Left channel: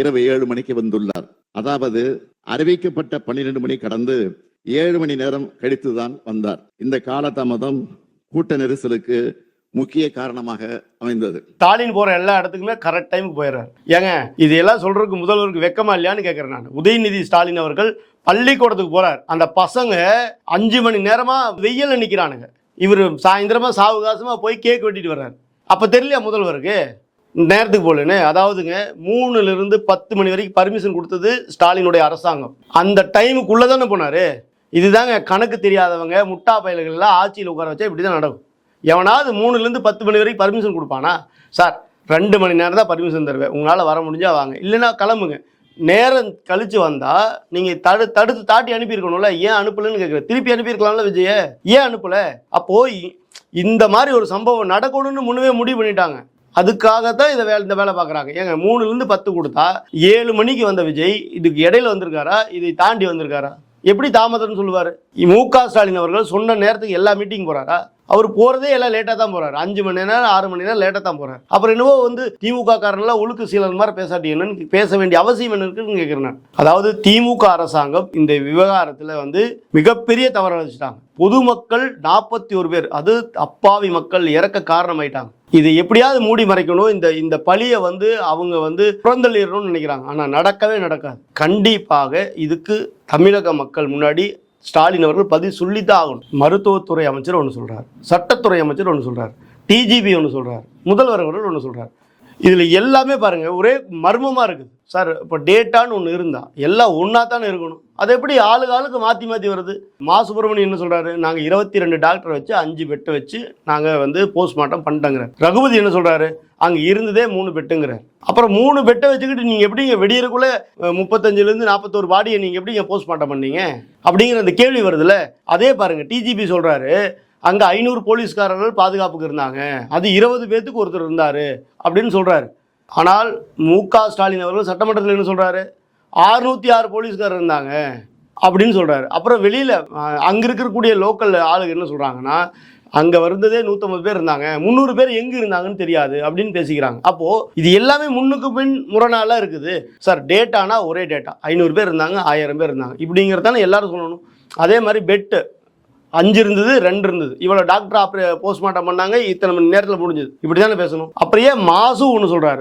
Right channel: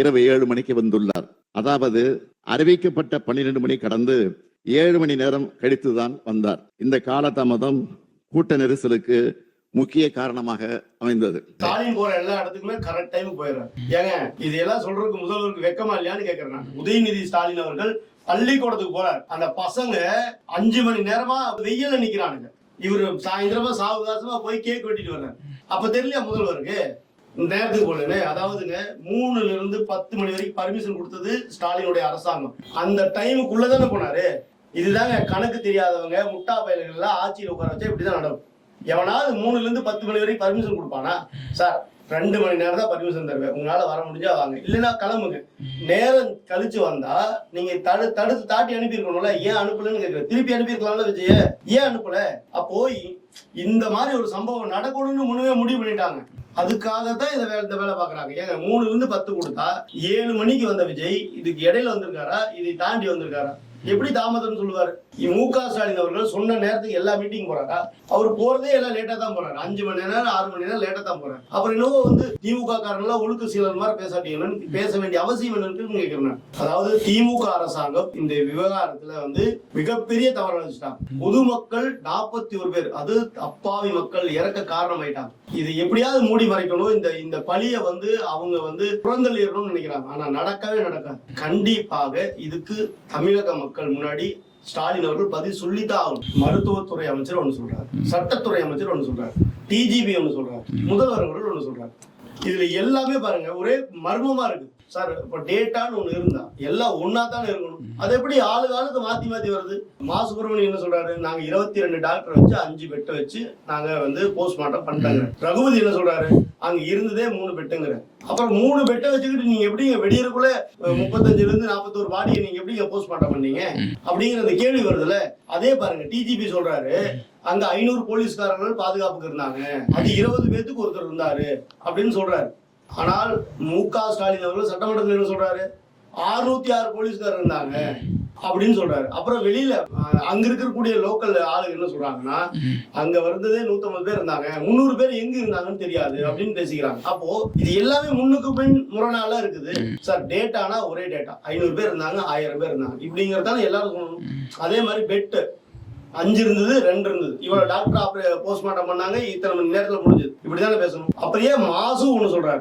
இரவு ஏழு மணிக்கு வந்துள்ளார். அதாவது அறிவிக்கப்பட்ட பன்னிரண்டு மணி கடந்து ஏழு மணி நேரம் கழித்துதான் வந்தார். இந்த காலதாமதம் கூட்ட நெரிசலுக்கு முக்கிய காரணமாக அமைந்தது. ஸ்டாலின் போற எல்லா இடத்துக்குமே கரெக்ட் டைமுக்கு போயிடுறேன் ஏங்க இது எல்லாம் சொல்றதுக்கு முதல்வருக்கு வெக்கமா இல்லையான்னு கேட்கறேன் நான். உதயநிதி ஸ்டாலின் அவர்கள் பள்ளிக்கூடத்துக்கு போறார். அந்த பசங்க அஞ்சு மணி நேரமா வெயில்ல நிக்கிறானுங்க. இவர் சாயந்தரமா சாவகாசமா போய் கேக் வெட்டிட்டு வர்றாரு. அப்ப தெரியலையா முதல்வருக்கு? நேரத்துக்கு போலன்னு அதாவதுங்க மூணுல இருந்து பத்து மணி வரைக்கும் பர்மிஷன் கொடுத்தது ஸ்டாலினுடைய அரசாங்கம். அந்த டைமுக்குள்ள தானே போனாரு. இதுதாங்க கணக்கு தெரியாதவங்க முட்டா பயல்கள் எல்லாம் ஆட்சியில் உட்கார வச்சா இப்படிதான் நடக்கும். எவனாவது மூணுல இருந்து பத்து மணி வரைக்கும் பர்மிஷன் கொடுப்பானா? சார் ரெண்டு மணி நேரம் தான் பர்மிஷன் தருவேன். உங்களால் வர முடிஞ்சா வாங்க. இல்லைன்னா கிளம்புங்க. நேரம் கழிச்சு வந்தா நீங்க தடு தடுத்து தாட்டி அனுப்பியிருக்கணும்ல. ஏன் அனுப்பலன்னு கேட்குறேன் திருப்பி அனுப்பியிருக்கலாம்ல விஜய. ஏன் அனுப்பல? அப்போ இந்த மாதிரி ஒரு சம்பவம் நடக்கணும்னு முன்னவே முடிவு பண்ணிட்டாங்க. அதுக்காக தான் இதை வேலை இந்த வேலை பார்க்குறாங்க. ஏங்க மூணுலேருந்து பத்து கொடுத்தா ஏழு மணிக்கு வந்த விஜய் இதுக்கு இடையில வந்திருக்காரா? இதை தாண்டி வந்திருக்காரா? எப்படி தாமதம்னு சொல்லுவார்? மு க. ஸ்டாலின் அவர்கள் சொன்ன நேரத்துக்கு எல்லா மீட்டிங் போறாரா? அவர் போறதே எல்லாம் லேட்டாக தான் போறாரு. அஞ்சு மணி நேரம் ஆறு மணி நேரம் லேட்டாக தான் போறாரு. அப்புறம் என்னவோ வந்து திமுக காரன்லாம் ஒழுக்கு சீலன் மாதிரி பேசாட்டி என்னன்னு பேச வேண்டிய அவசியம் என்ன இருக்குன்னு கேட்கிறேன் அதாவது திமுக அரசாங்கம் இந்த விவகாரத்தில் வந்து மிகப்பெரிய தவறு வச்சுட்டாங்க. பொதுமக்கள் நாற்பத்தி ஒரு பேர் அது அப்பாவி மக்கள் இறக்க காரணமாயிட்டாங்க. இது எப்படியாவது மூடி மறைக்கணும். இந்த இந்த பழியை வந்து அவங்க வந்து புறந்தள்ளிடணும்னு நினைக்கிறாங்க. ஆனா நடக்கவே நடக்காது. கண்டிப்பாக இதுக்கு தமிழக மக்கள் முன்னாடி ஸ்டாலின் அவர்கள் பதில் சொல்லித்தான் ஆகணும். மருத்துவத்துறை அமைச்சர் ஒன்று சொல்றாரு. சட்டத்துறை அமைச்சர் ஒன்று சொல்றாரு. டிஜிபி ஒன்று சொல்றாரு. முதல்வர் அவர்கள் ஒன்று சொல்றாரு. இதுல எல்லாமே பாருங்க ஒரே மர்மமா இருக்குது. சார் இப்போ டேட்டான்னு ஒன்று இருந்தா எல்லாம் ஒன்றா தானே இருக்கணும். அது எப்படி ஆளுக்கு ஆளுக்கு மாற்றி மாற்றி வருது? மா சுப்பிரமணியம் என்ன சொல்றாரு? நாங்கள் இருபத்தி ரெண்டு டாக்டர் வச்சு அஞ்சு பெட்டை வச்சு நாங்கள் வந்து போஸ்ட்மார்ட்டம் பண்ணிட்டோங்கிற. ரகுபதி என்ன சொல்றாரு? அங்கே இருந்ததே மூணு பெட்டுங்கிற அப்புறம் மூணு பெட்டை வச்சுக்கிட்டு நீங்கள் எப்படி இங்கே வெடியறக்குள்ள முப்பத்தஞ்சுலேருந்து நாற்பத்தோரு பாடியை நீங்கள் எப்படி இங்கே போஸ்ட்மார்ட்டம் பண்ணீங்க? அப்படிங்கிற அந்த கேள்வி வருதுல்ல? அதே பாருங்க டிஜிபி சொல்றாரு அங்க ஐநூறு போலீஸ்காரர்கள் பாதுகாப்புக்கு இருந்தாங்க. அது இருபது பேத்துக்கு ஒருத்தர் இருந்தாரு அப்படின்னு சொல்றாரு. ஆனால் மு க. ஸ்டாலின் அவர்கள் சட்டமன்றத்தில் என்ன சொல்றாரு? அறுநூத்தி ஆறு போலீஸ்காரர் இருந்தாங்க அப்படின்னு சொல்றாரு. அப்புறம் வெளியில அங்கே அங்க இருக்கக்கூடிய லோக்கல் ஆளுங்க என்ன சொல்றாங்கன்னா அங்க வந்ததே நூத்தம்பது பேர் இருந்தாங்க முந்நூறு பேர் எங்க இருந்தாங்கன்னு தெரியாது அப்படின்னு பேசிக்கிறாங்க. அப்போ இது எல்லாமே முன்னுக்கு பின் முரணாலாம் இருக்குது. சார் டேட்டானா ஒரே டேட்டா ஐநூறு பேர் இருந்தாங்க ஆயிரம் பேர் இருந்தாங்க. இப்படிங்கிறதானே எல்லாரும் சொல்லணும். அதே மாதிரி பெட்டு அஞ்சு இருந்தது ரெண்டு இருந்தது. இவ்வளவு டாக்டர் ஆப்ரே போஸ்ட்மார்ட்டம் பண்ணாங்க இத்தனை மணி நேரத்தில் முடிஞ்சது. இப்படிதானே பேசணும். அப்புறம் மாசு ஒன்று சொல்றாரு?